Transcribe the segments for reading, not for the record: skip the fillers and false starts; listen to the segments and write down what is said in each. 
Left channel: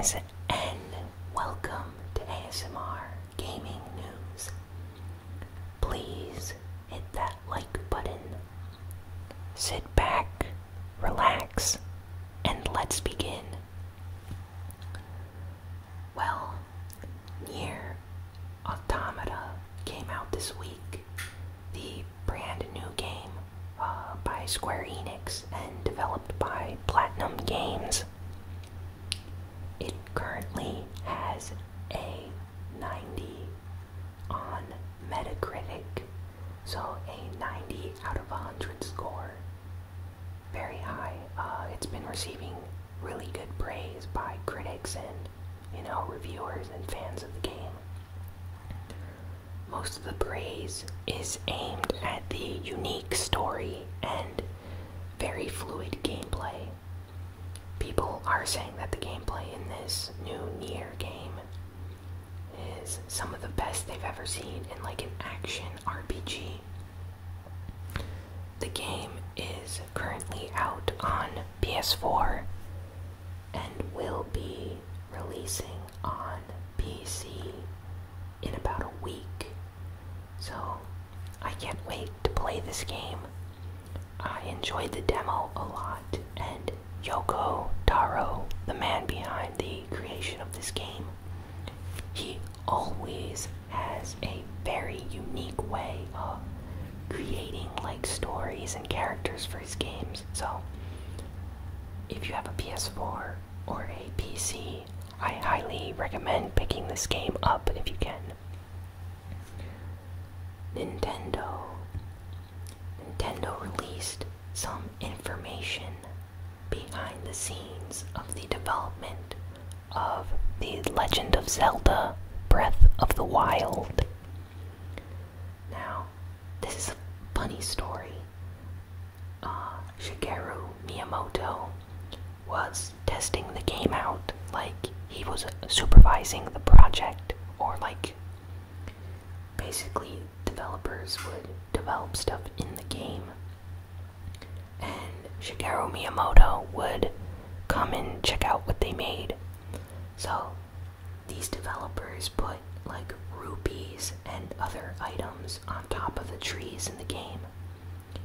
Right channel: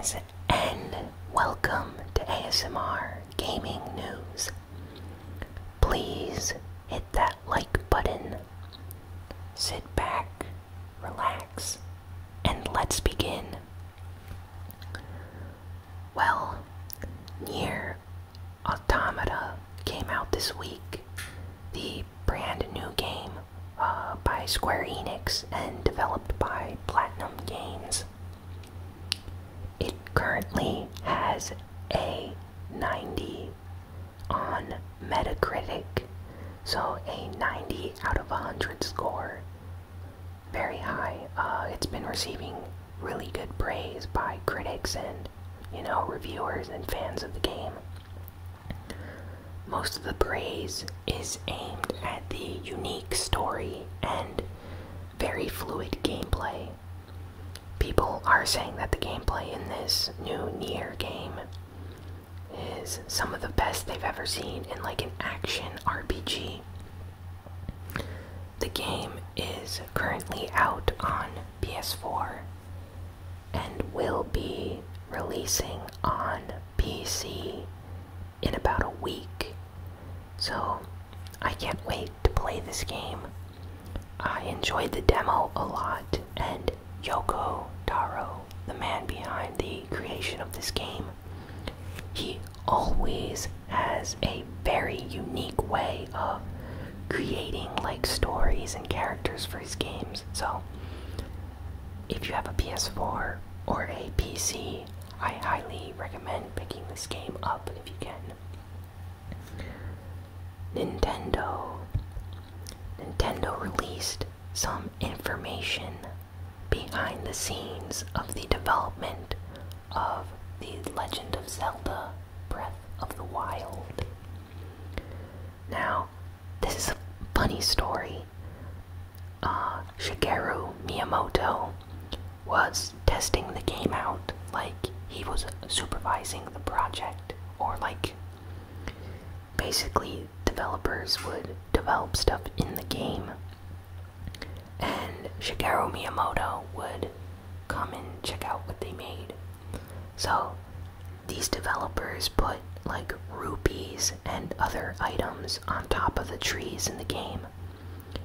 Greetings and welcome to ASMR Gaming News. Please hit that like button, sit back, relax, and let's begin. Well, Nier Automata came out this week, the brand new game by Square Enix and developed by Platinum Games. It currently has a 90 on Metacritic, so a 90 out of 100 score. Very high. It's been receiving really good praise by critics and, reviewers and fans of the game. Most of the praise is aimed at the unique story and very fluid gameplay. People are saying that the gameplay in this new Nier game is some of the best they've ever seen in like an action RPG. The game is currently out on PS4 and will be releasing on PC in about a week. So I can't wait to play this game. I enjoyed the demo a lot, and Yoko Taro, the man behind the creation of this game, he always has a very unique way of creating like stories and characters for his games. So if you have a PS4 or a PC, I highly recommend picking this game up if you can. Nintendo released some information behind the scenes of the development of The Legend of Zelda Breath of the Wild. Now, this is a funny story. Shigeru Miyamoto was testing the game out, like he was supervising the project, or like basically developers would develop stuff in the game, and Shigeru Miyamoto would come and check out what they made. So these developers put like rupees and other items on top of the trees in the game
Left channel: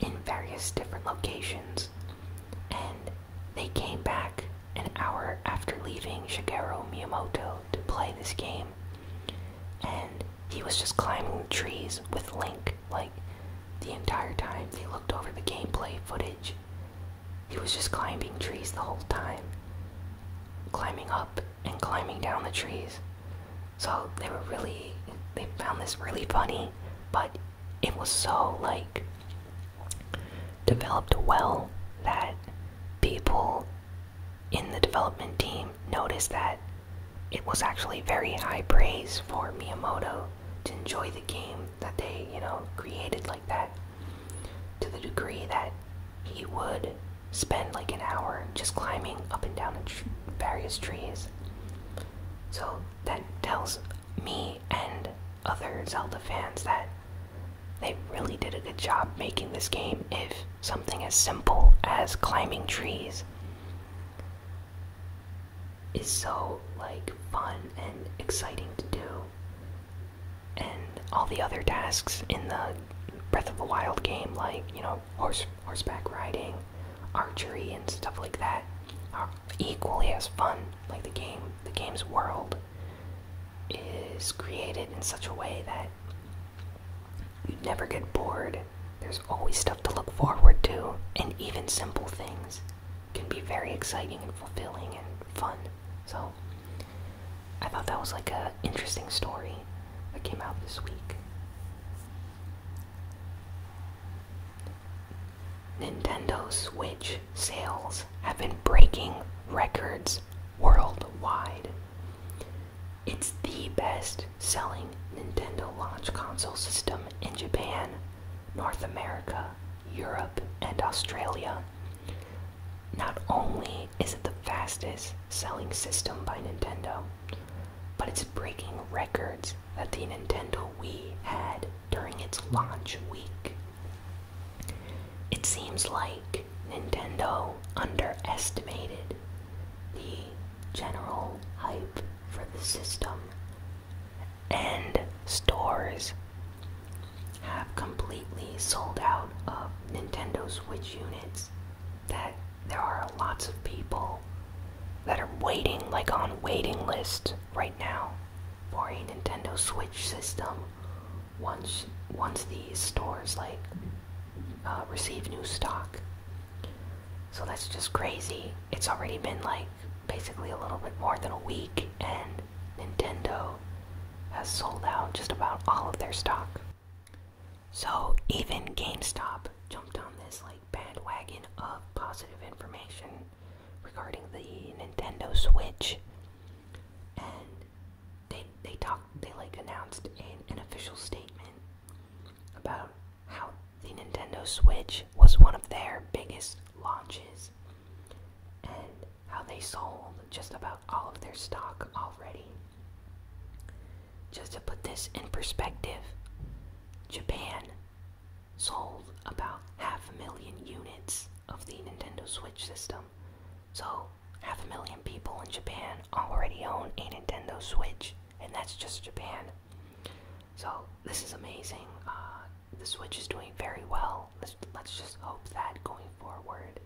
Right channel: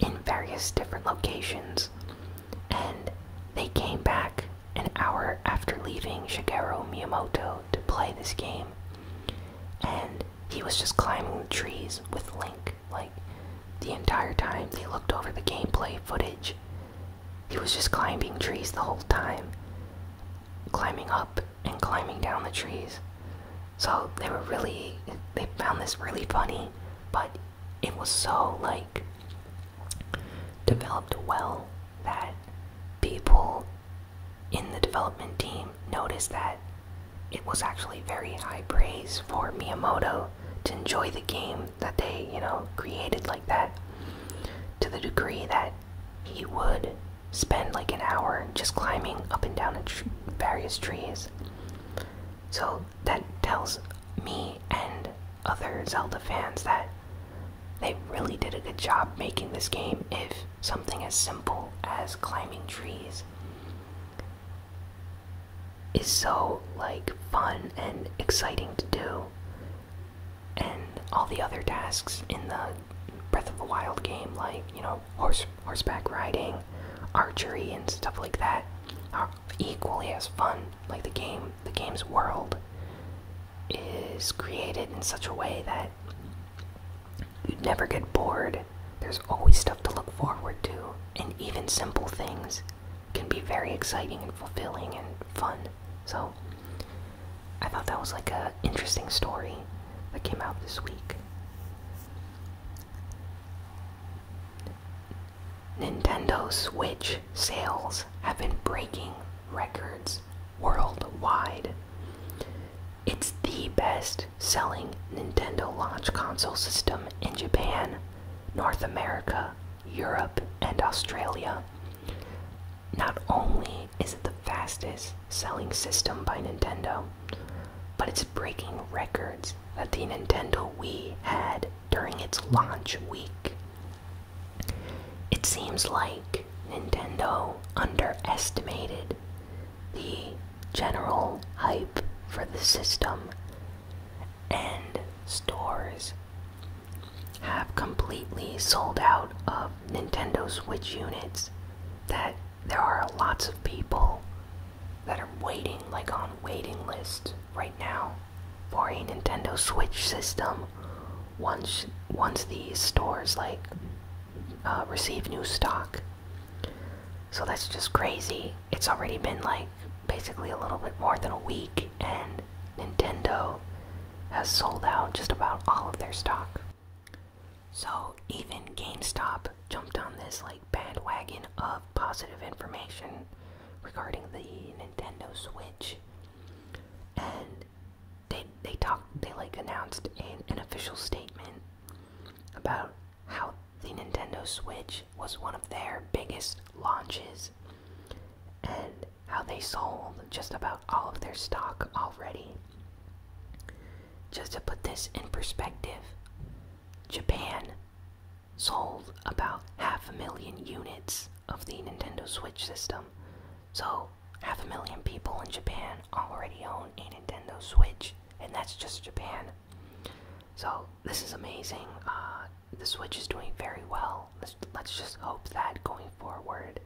in various different locations, and they came back an hour after leaving Shigeru Miyamoto to play this game, and he was just climbing the trees with Link. Like, the entire time they looked over the gameplay footage, he was just climbing trees the whole time, climbing up and climbing down the trees. So they found this really funny, but it was so like developed well that people in the development team noticed that it was actually very high praise for Miyamoto to enjoy the game that they, created like that, to the degree that he would spend like an hour just climbing up and down various trees. So that tells me and other Zelda fans that they really did a good job making this game if something as simple as climbing trees is so like fun and exciting to do, and all the other tasks in the Breath of the Wild game, like horseback riding, archery, and stuff like that, are equally as fun. Like the game's world is created in such a way that you'd never get bored. There's always stuff to look forward to, and even simple things can be very exciting and fulfilling and fun. So I thought that was like a interesting story that came out this week. Nintendo Switch sales have been breaking records worldwide. It's the best-selling Nintendo launch console system in Japan, North America, Europe, and Australia. Not only is it the fastest selling system by Nintendo, but it's breaking records that the Nintendo Wii had during its launch week. It seems like Nintendo underestimated the general hype for the system, and stores have completely sold out of Nintendo Switch units, that there are lots of people that are waiting, like on waiting lists right now, for a Nintendo Switch system once these stores receive new stock. So that's just crazy. It's already been like basically a little bit more than a week, and Nintendo has sold out just about all of their stock. So even GameStop jumped on this like bandwagon of positive information regarding the Nintendo Switch, and they announced an official statement about how the Nintendo Switch was one of their biggest launches, and how they sold just about all of their stock already. Just to put this in perspective, Japan sold about 500,000 units of the Nintendo Switch system. So 500,000 people in Japan already own a Nintendo Switch, and that's just Japan. So this is amazing. The Switch is doing very well. Let's just hope that going forward,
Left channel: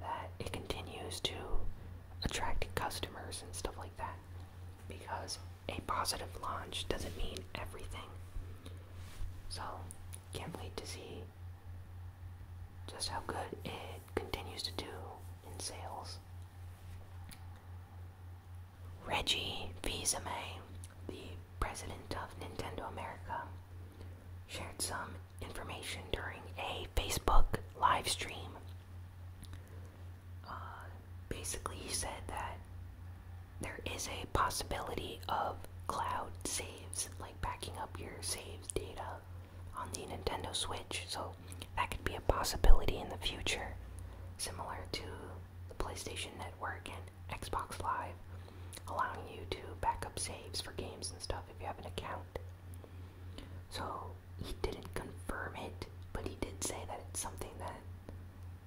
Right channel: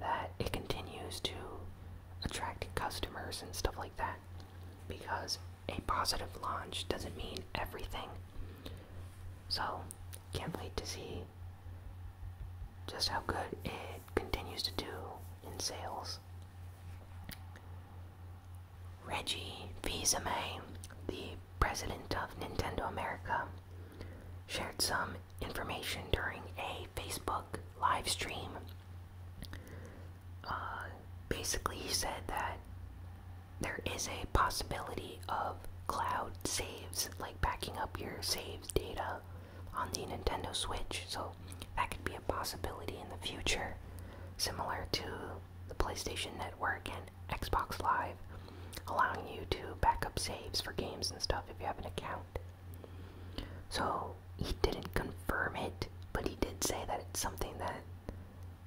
that it continues to attract customers and stuff like that, because a positive launch doesn't mean everything. So can't wait to see just how good it continues to do in sales. Reggie Fils-Aimé, the president of Nintendo America, shared some information during a Facebook live stream. Basically, he said that there is a possibility of cloud saves, like backing up your saves data on the Nintendo Switch, so that could be a possibility in the future, similar to the PlayStation Network and Xbox Live, allowing you to back up saves for games and stuff if you have an account. So he didn't confirm it, but he did say that it's something that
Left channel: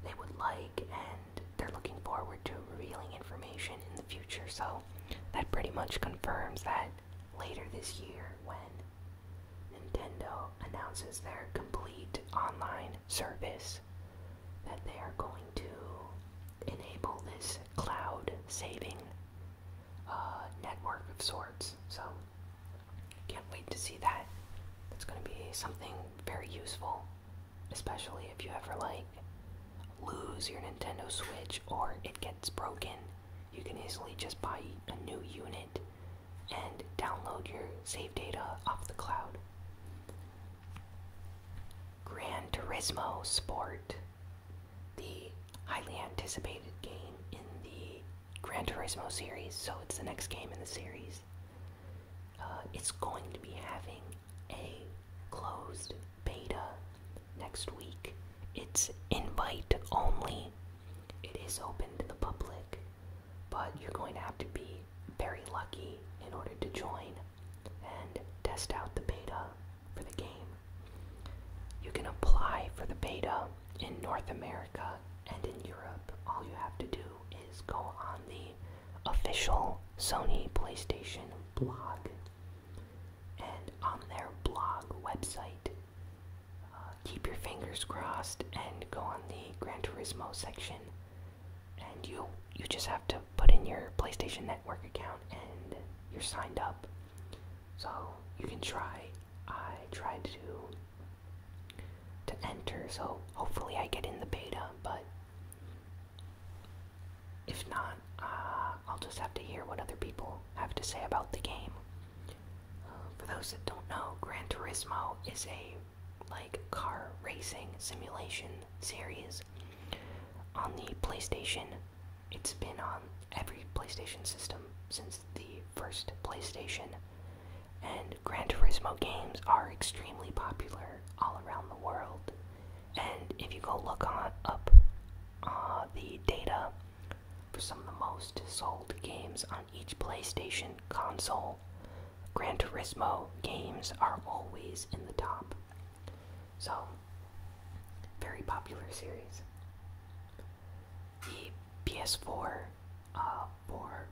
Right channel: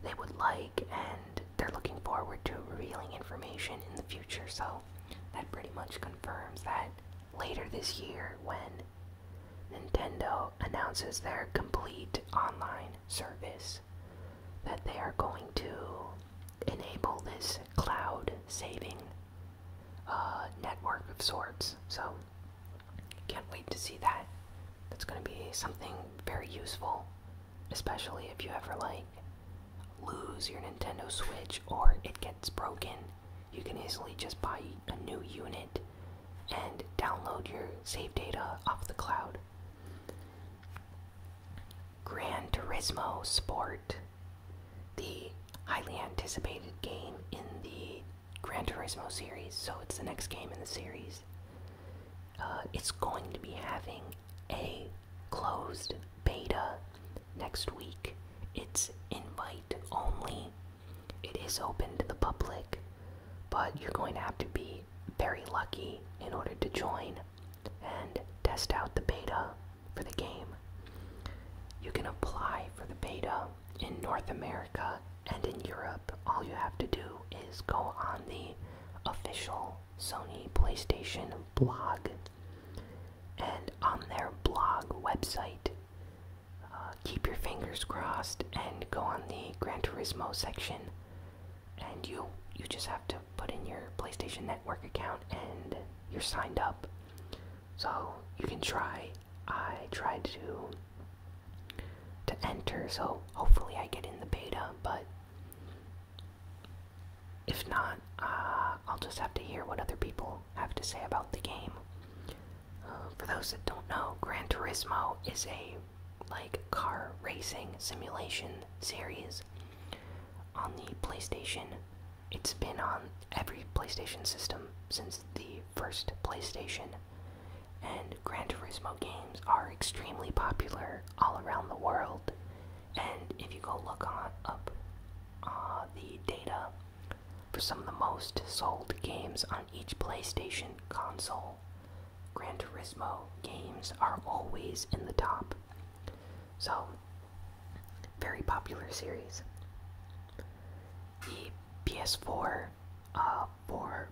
they would like, and they're looking forward to revealing information in the future. So that pretty much confirms that later this year, when Nintendo announces their complete online service, that they are going to enable this cloud saving network of sorts. So can't wait to see that. That's going to be something very useful, especially if you ever lose your Nintendo Switch or it gets broken. You can easily just buy a new unit and download your save data off the cloud. Gran Turismo Sport, the highly anticipated game in the Gran Turismo series, so it's the next game in the series. It's going to be having a closed beta next week. It's invite only. It is open to the public, but you're going to have to be very lucky in order to join and test out the beta for the game. You can apply for the beta in North America and in Europe. All you have to do is go on the official Sony PlayStation blog, and on their blog website, keep your fingers crossed and go on the Gran Turismo section, and you just have to put in your PlayStation Network account and you're signed up. So you can try. I tried to enter, so hopefully I get in the beta, but if not, I'll just have to hear what other people have to say about the game. For those that don't know, Gran Turismo is a car racing simulation series on the PlayStation. It's been on every PlayStation system since the first PlayStation, and Gran Turismo games are extremely popular all around the world. And if you go look up the data for some of the most sold games on each PlayStation console, Gran Turismo games are always in the top. So, very popular series. The PS4 for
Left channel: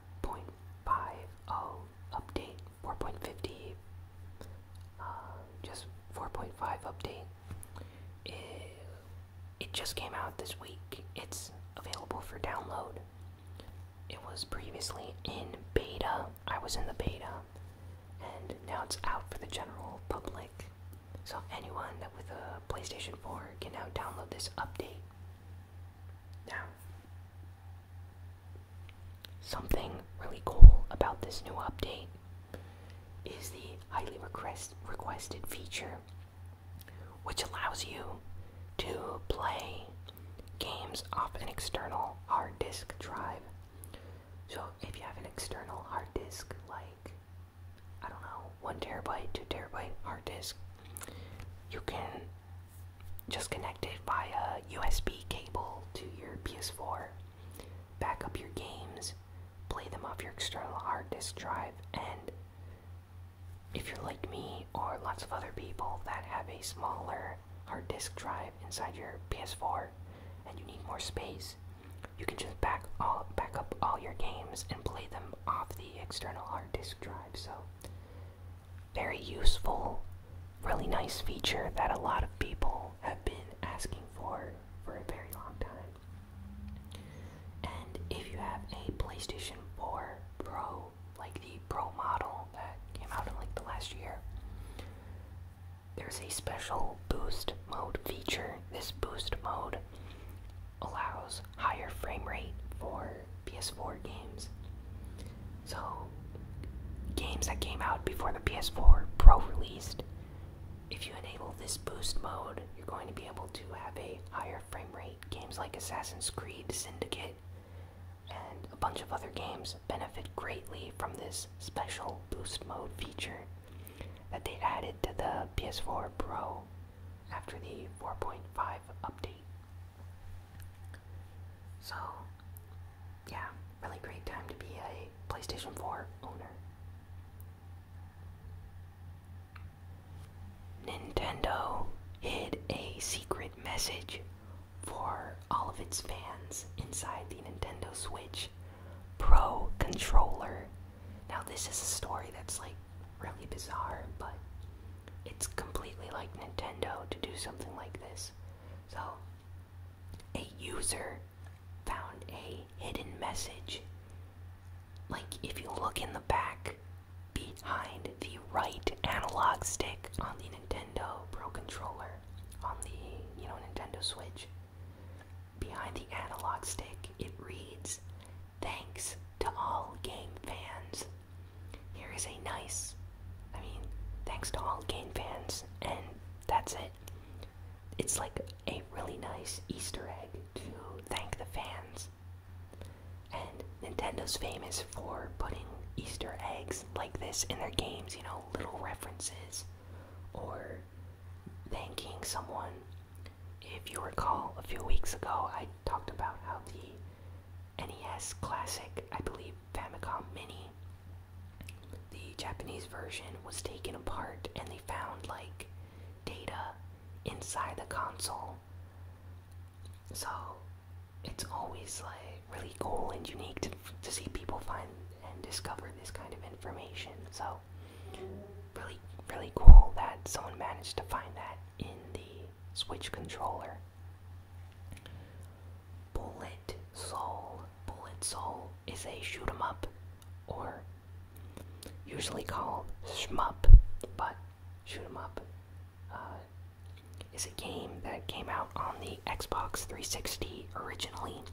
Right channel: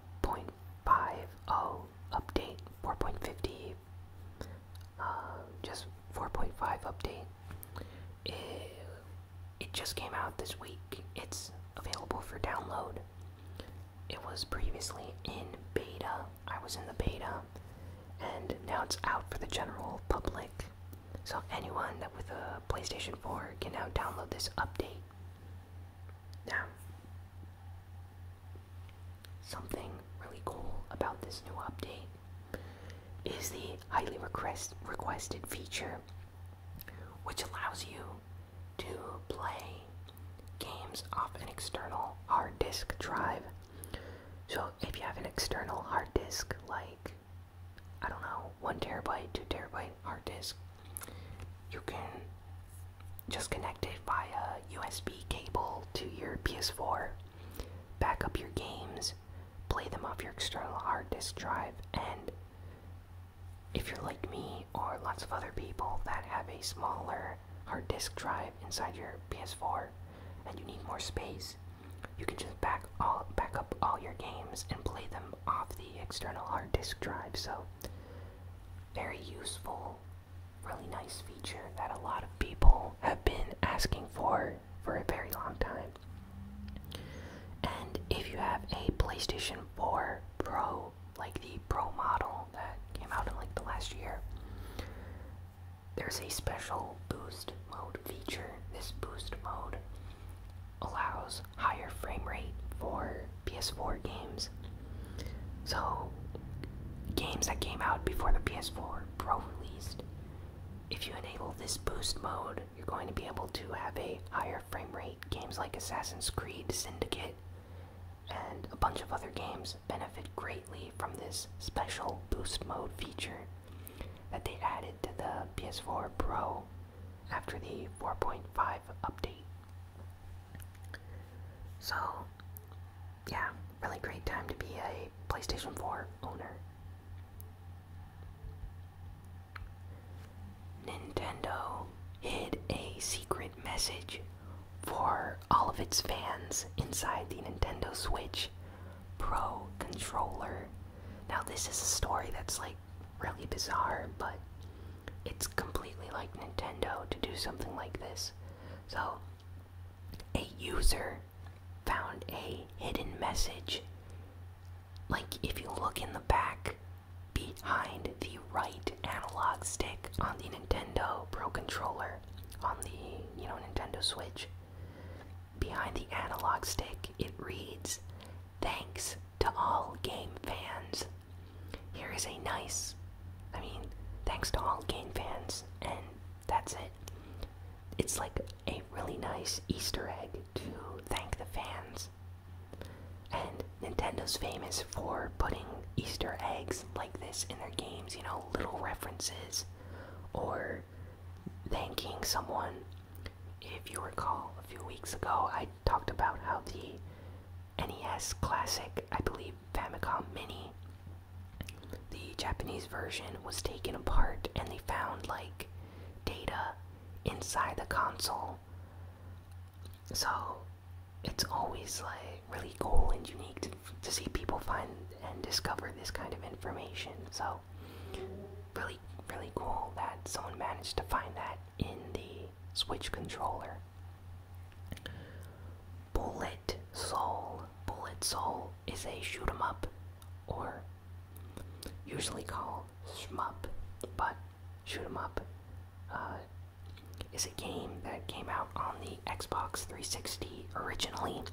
oh, update 4.50, just 4.5 update. It just came out this week. It's available for download. It was previously in beta. I was in the beta, and now it's out for the general public. So anyone with a PlayStation 4 can now download this update. Now, something really cool about this new update is the highly requested feature, which allows you to play games off an external hard disk drive. So if you have an external hard disk, like, I don't know, 1 terabyte, 2 terabyte hard disk, you can just connect it via USB cable to your PS4, back up your games, play them off your external hard disk drive, and if you're like me or lots of other people that have a smaller hard disk drive inside your PS4 and you need more space, you can just back up all your games and play them off the external hard disk drive. So, very useful, really nice feature that a lot of people have been asking for a very long time. And if you have a PlayStation 4 Pro, like the Pro model that came out in like the last year, there's a special boost mode feature. This boost mode allows higher frame rate for PS4 games. So, games that came out before the PS4 Pro released, if you enable this boost mode, you're going to be able to have a higher frame rate. Games like Assassin's Creed Syndicate and a bunch of other games benefit greatly from this special boost mode feature that they added to the PS4 Pro after the 4.5 update. So, yeah, really great time to be a PlayStation 4 owner. Nintendo hid a secret message for all of its fans inside the Nintendo Switch Pro controller. Now, this is a story that's like really bizarre, but it's completely like Nintendo to do something like this. So, a user found a hidden message. Like, if you look in the back, behind the right analog stick on the Nintendo Pro controller, on the, Nintendo Switch, behind the analog stick, it reads, "Thanks to all game fans." Here is a nice, thanks to all game fans, and that's it. It's like a really nice Easter egg to thank the fans. And Nintendo's famous for putting Easter eggs like this in their games, little references, or thanking someone. If you recall, a few weeks ago, I talked about how the NES Classic, I believe Famicom Mini, the Japanese version, was taken apart and they found, like, data inside the console. So, it's always, like, really cool and unique to see people find and discover this kind of information. So, really, really cool that someone managed to find that in the Switch controller. Bullet Soul. Bullet Soul is a shoot 'em up, or usually called shmup, but shoot 'em up is a game that came out on the Xbox 360 originally,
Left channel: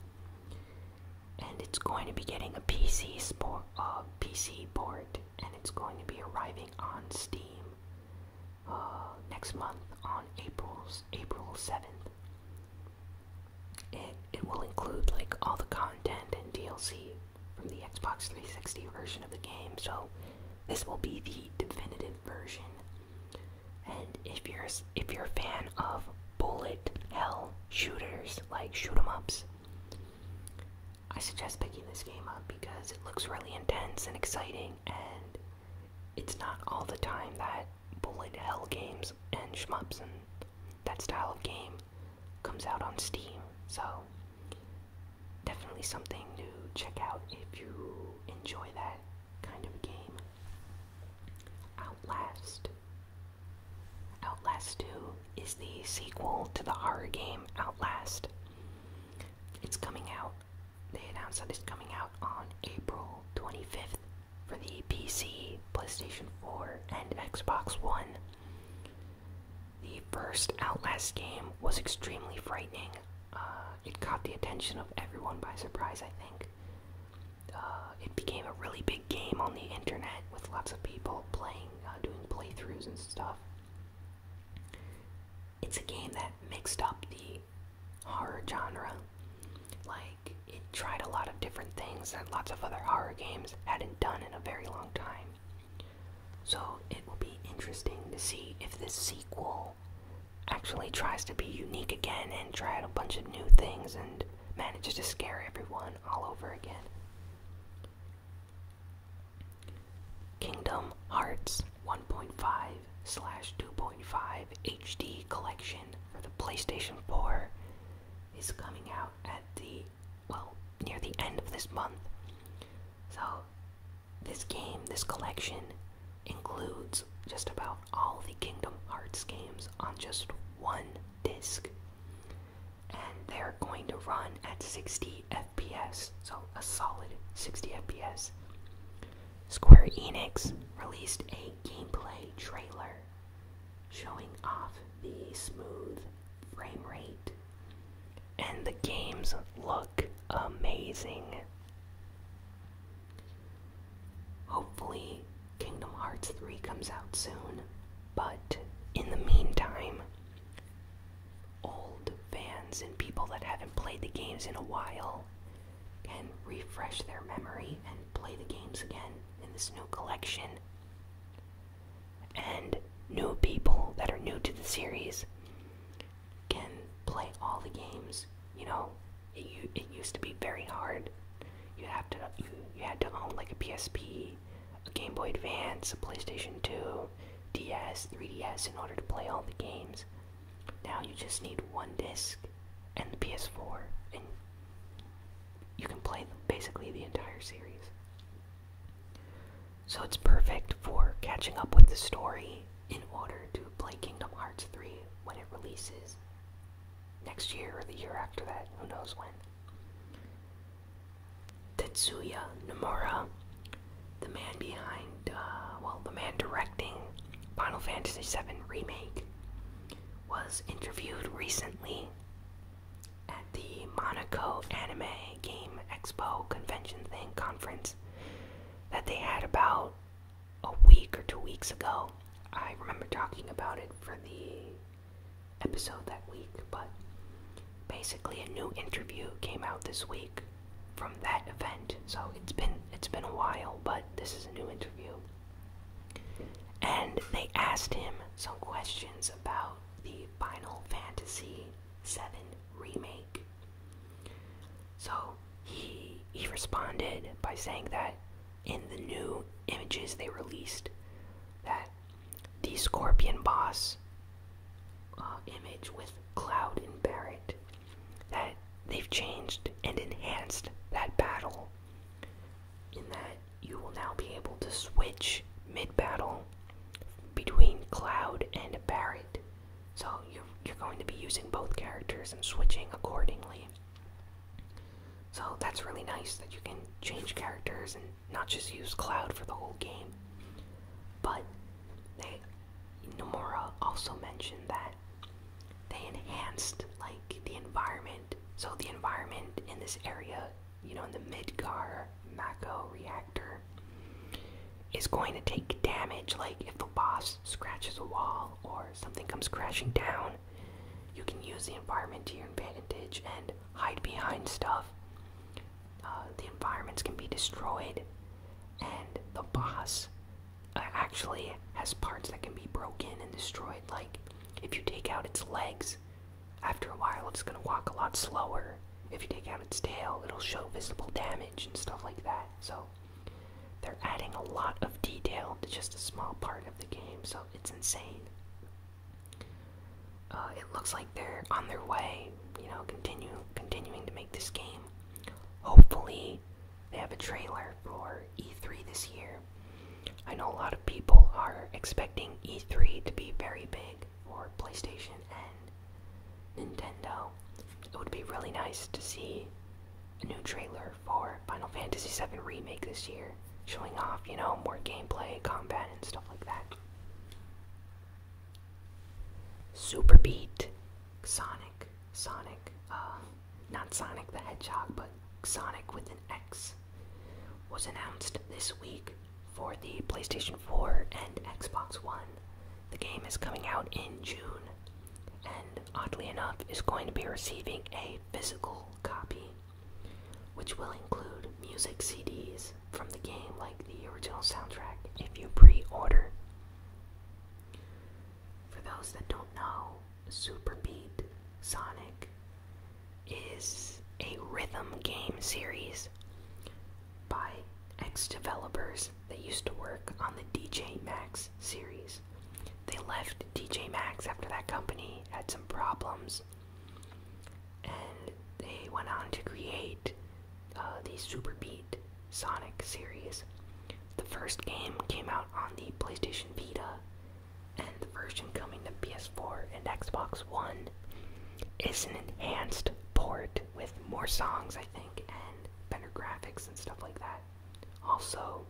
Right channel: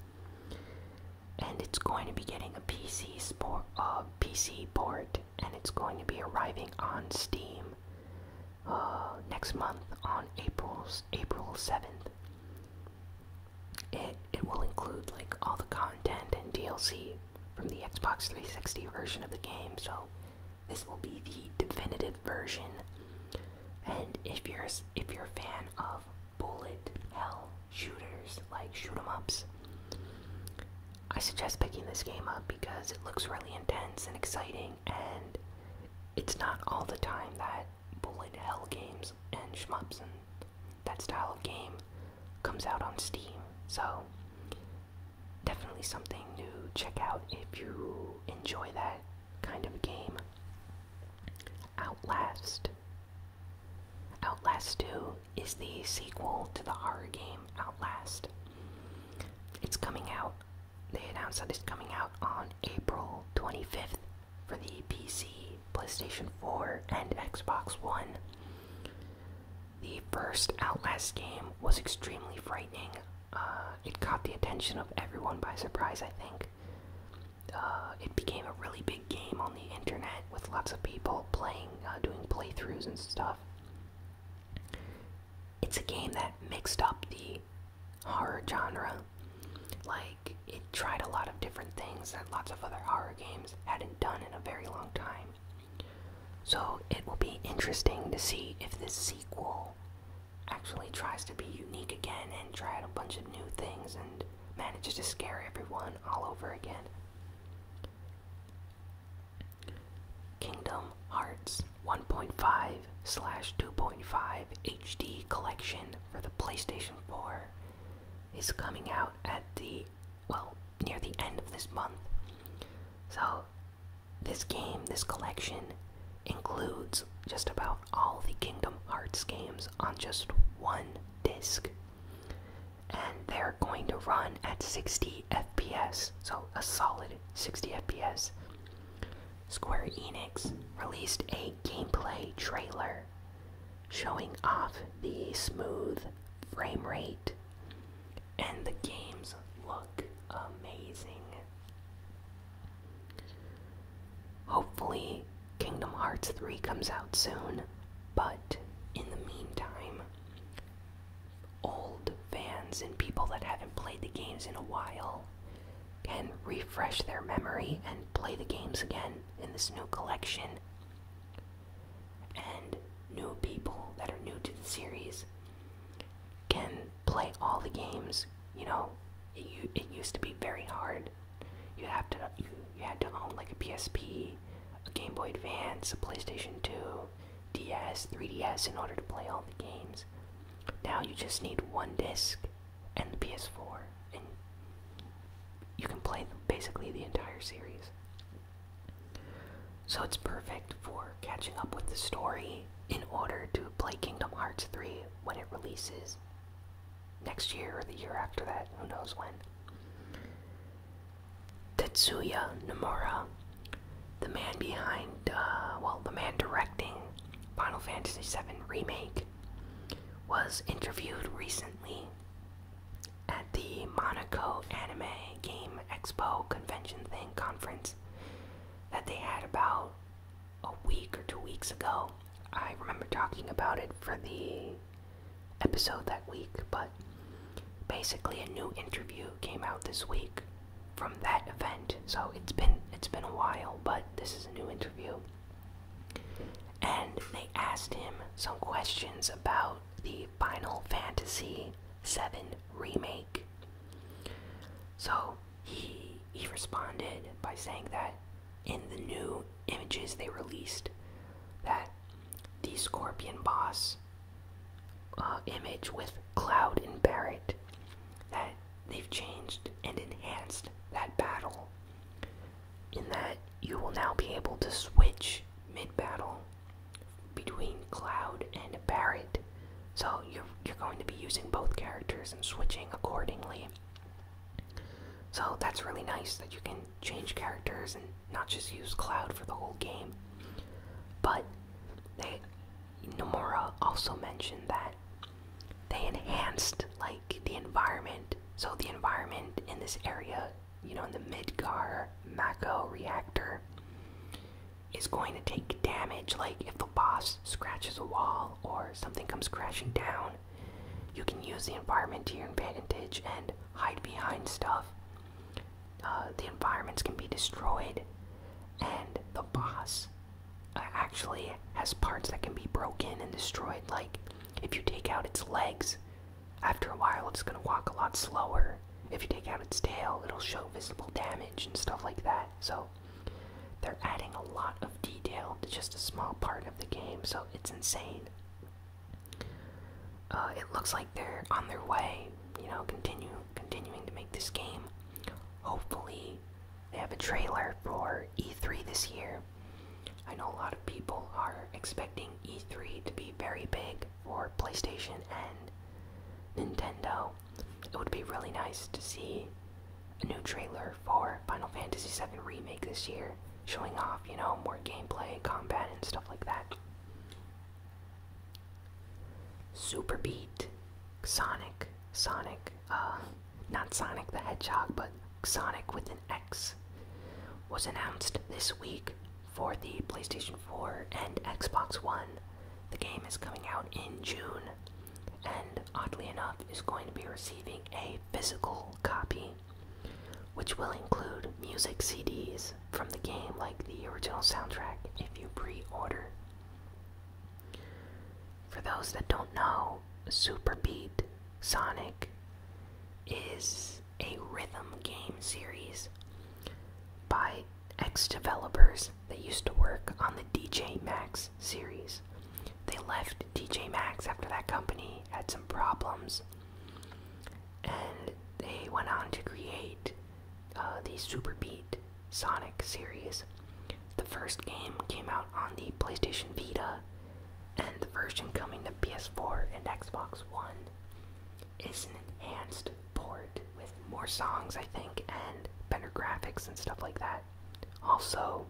and it's going to be getting a PC port, and it's going to be arriving on Steam next month on April 7th. It will include like all the content and DLC from the Xbox 360 version of the game, so this will be the definitive version. And if you're a fan of bullet hell shooters, like shoot 'em ups, I suggest picking this game up because it looks really intense and exciting, and it's not all the time that bullet hell games and shmups and that style of game comes out on Steam. So definitely something to check out if you enjoy that kind of game. Outlast. Outlast 2 is the sequel to the horror game Outlast. It's coming out. They announced that it's coming out on April 25th for the PC, PlayStation 4, and Xbox One. The first Outlast game was extremely frightening. It caught the attention of everyone by surprise, I think. It became a really big game on the internet with lots of people playing, doing playthroughs and stuff. It's a game that mixed up the horror genre. Like, it tried a lot of different things that lots of other horror games hadn't done in a very long time. So it will be interesting to see if this sequel actually tries to be unique again and try out a bunch of new things and manages to scare everyone all over again. Kingdom Hearts 1.5/2.5 HD collection for the PlayStation 4 is coming out at near the end of this month. So this collection includes just about all the Kingdom Hearts games on just one disc. And they're going to run at 60 FPS, so a solid 60 FPS. Square Enix released a gameplay trailer showing off the smooth frame rate, and the games look amazing. Hopefully, Kingdom Hearts 3 comes out soon, but in the meantime, old fans and people that haven't played the games in a while can refresh their memory and play the games again in this new collection. And new people that are new to the series can play all the games. You know, it used to be very hard. You had to own like a PSP, a Game Boy Advance, a PlayStation 2, DS, 3DS in order to play all the games. Now you just need one disc and the PS4, and you can play basically the entire series. So it's perfect for catching up with the story in order to play Kingdom Hearts 3 when it releases next year or the year after that, who knows when. Tetsuya Nomura, the man behind, the man directing Final Fantasy VII Remake, was interviewed recently at the Monaco Anime Game Expo convention conference that they had about a week or 2 weeks ago. I remember talking about it for the episode that week, but basically a new interview came out this week from that event. So it's been a while, but this is a new interview. And they asked him some questions about the Final Fantasy VII Remake. So he responded by saying that in the new images they released, that the Scorpion boss image with Cloud and Barret, that they've changed and enhanced that battle, in that you will now be able to switch mid-battle between Cloud and Barret. So you're going to be using both characters and switching accordingly. So that's really nice that you can change characters and not just use Cloud for the whole game. But Nomura also mentioned that they enhanced the environment. So the environment in this area, in the Midgar Mako reactor, is going to take damage. Like if a boss scratches a wall or something comes crashing down, you can use the environment to your advantage and hide behind stuff. The environments can be destroyed, and the boss actually has parts that can be broken and destroyed. Like if you take out its legs, after a while it's going to walk a lot slower. If you take out its tail, it'll show visible damage and stuff like that. So they're adding a lot of detail to just a small part of the game, so it's insane. It looks like they're on their way, continuing to make this game. Hopefully they have a trailer for E3 this year. I know a lot of people are expecting E3 to be very big for PlayStation and Nintendo. It would be really nice to see a new trailer for Final Fantasy VII Remake this year, showing off, more gameplay, combat, and stuff like that. Super Beat Sonic, not Sonic the Hedgehog, but Sonic with an X, was announced this week for the PlayStation 4 and Xbox One. The game is coming out in June, and oddly enough is going to be receiving a physical copy, which will include music CDs from the game, like the original soundtrack, if you pre-order. For those that don't know, Super Beat Sonic is a rhythm game series by ex-developers that used to work on the DJ Maxx series. They left DJ Maxx after that company had some problems, and they went on to create the Super Beat Sonic series. The first game came out on the PlayStation Vita, and the version coming to PS4 and Xbox One is an enhanced port with more songs, I think, and better graphics and stuff like that. Also,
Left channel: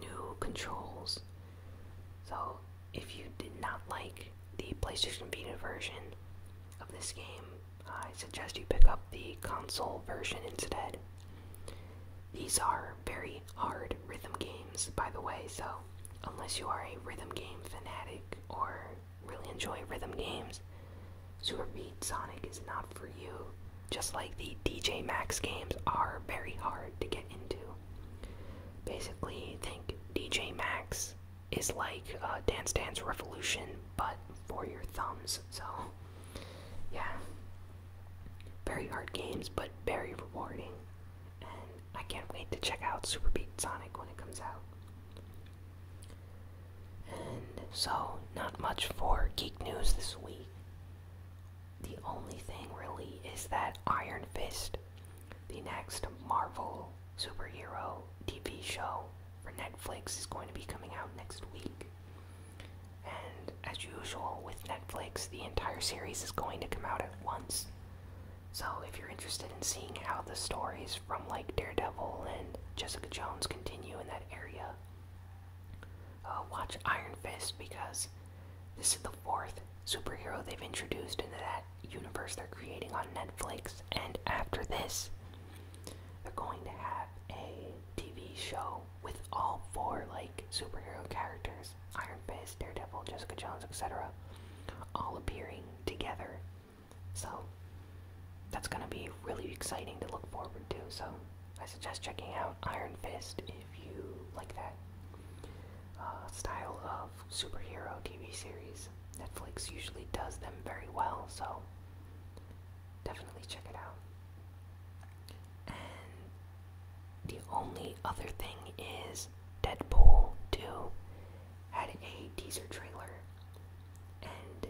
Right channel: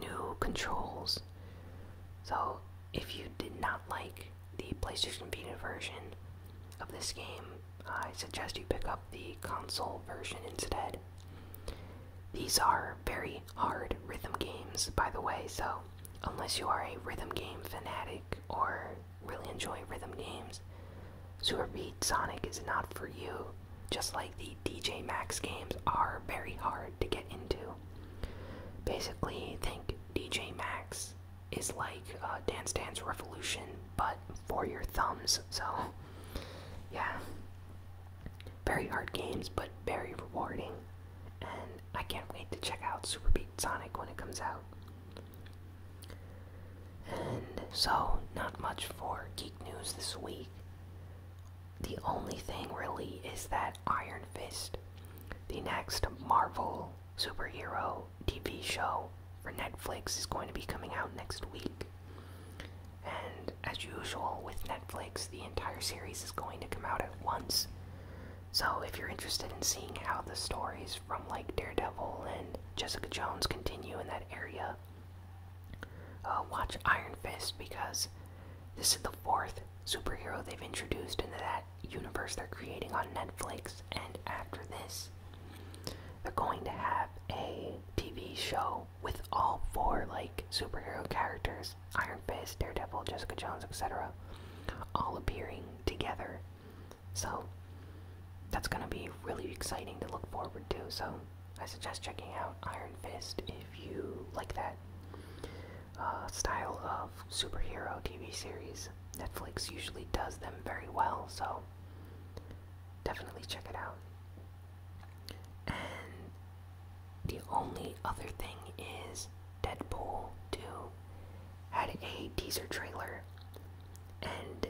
new controls. So, if you did not like the PlayStation Vita version of this game, I suggest you pick up the console version instead. These are very hard rhythm games, by the way, so unless you are a rhythm game fanatic or really enjoy rhythm games, Super Beat Sonic is not for you. Just like the DJ Maxx games are very hard to get into. Basically, think DJ Maxx is like Dance Dance Revolution, but for your thumbs. So, yeah. Very hard games, but very rewarding. And I can't wait to check out Super Beat Sonic when it comes out. And so, not much for geek news this week. The only thing really is that Iron Fist, the next Marvel superhero TV show for Netflix, is going to be coming out next week. And as usual with Netflix, the entire series is going to come out at once. So if you're interested in seeing how the stories from like Daredevil and Jessica Jones continue in that area, watch Iron Fist, because this is the fourth superhero they've introduced into that universe they're creating on Netflix, and after this, they're going to have a TV show with all four like superhero characters, Iron Fist, Daredevil, Jessica Jones, etc., all appearing together. So that's gonna be really exciting to look forward to, so I suggest checking out Iron Fist if you like that style of superhero TV series. Netflix usually does them very well, so definitely check it out. And the only other thing is Deadpool 2 had a teaser trailer, and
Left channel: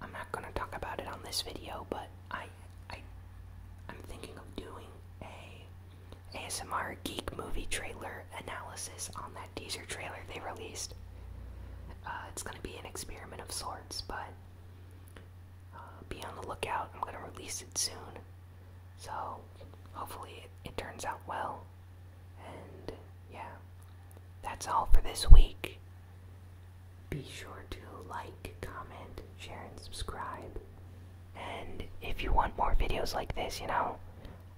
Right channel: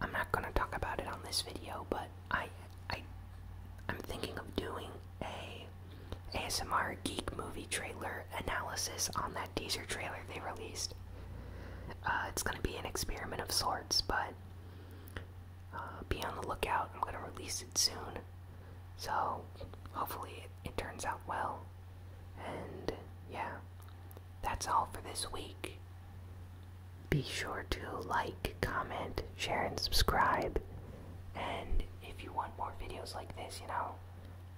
I'm not going to talk about it on this video, but I'm thinking of doing a ASMR geek movie trailer analysis on that teaser trailer they released. It's going to be an experiment of sorts, but be on the lookout. I'm going to release it soon, so hopefully it turns out well. And yeah, that's all for this week. Be sure to like, comment, share, and subscribe. And if you want more videos like this,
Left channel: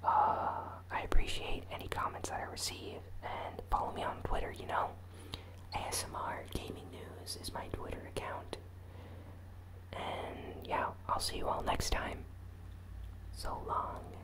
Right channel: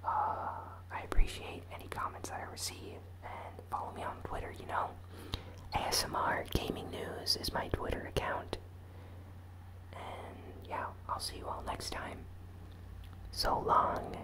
I appreciate any comments that I receive. And follow me on Twitter, ASMR Gaming News is my Twitter account. And yeah, I'll see you all next time. So long.